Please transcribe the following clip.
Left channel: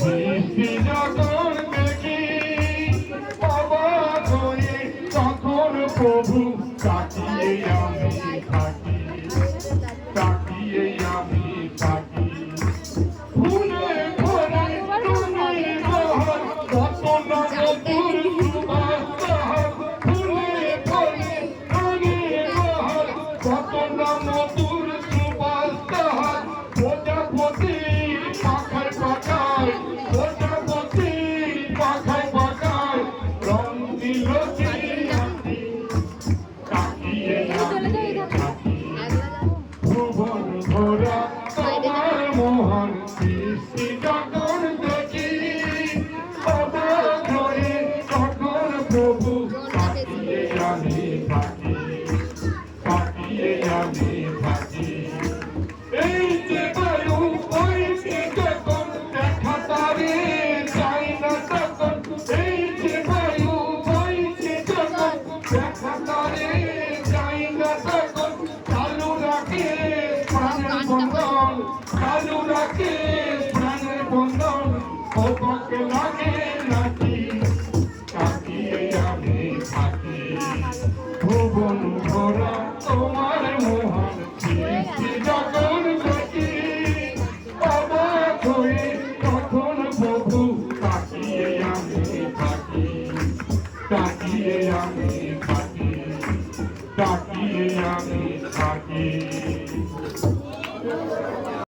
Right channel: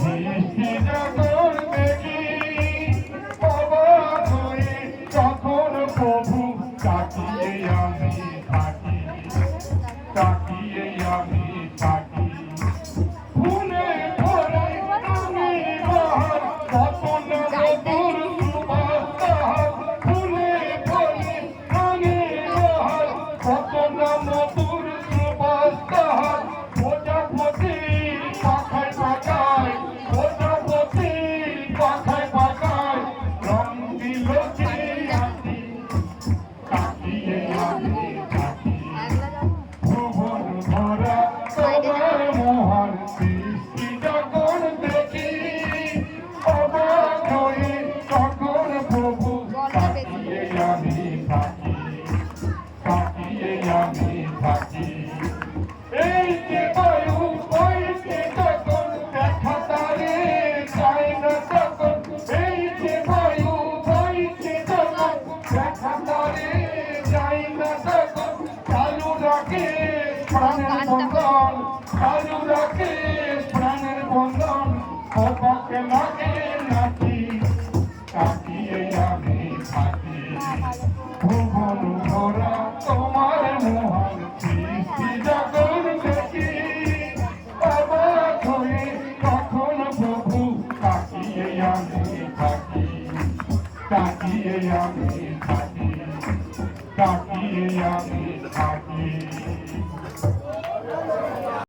সৃষ্টি যখন দেখি অবাক হয়ে তখন প্রভু তাকিয়ে আমি থাকি, তাকিয়ে আমি থাকি। ফুলে ভরে তুমি বহার কত না মধুর সুবাস তাহার, ফুলে ভরে তুমি বহার কত না মধুর সুবাস তাহার। প্রজাপতি পাখায় পাখায়, প্রজাপতি পাখায় পাখায় রং দিল কি রাতি, তাকিয়ে আমি থাকি। ভুবন ভরা তোমার মহান সৃষ্টি যখন দেখি অবাক হয়ে তখন প্রভু তাকিয়ে আমি থাকি, তাকিয়ে আমি থাকি। এই যে বায়ু বইছে যখন দেখা তারে যায় না তখন, এই যে বায়ু বইছে যখন দেখা তারে যায় না তখন, চালু রাখে প্রাণের বন্ধন, চালু রাখে প্রাণের বন্ধন, অবাক লাগে নাকি, তাকিয়ে আমি থাকি। ভুবন ভরা তোমার মহান সৃষ্টি যখন দেখি অবাক হয়ে তখন প্রভু তাকিয়ে আমি থাকি, তাকিয়ে আমি থাকি, তাকিয়ে আমি থাকি।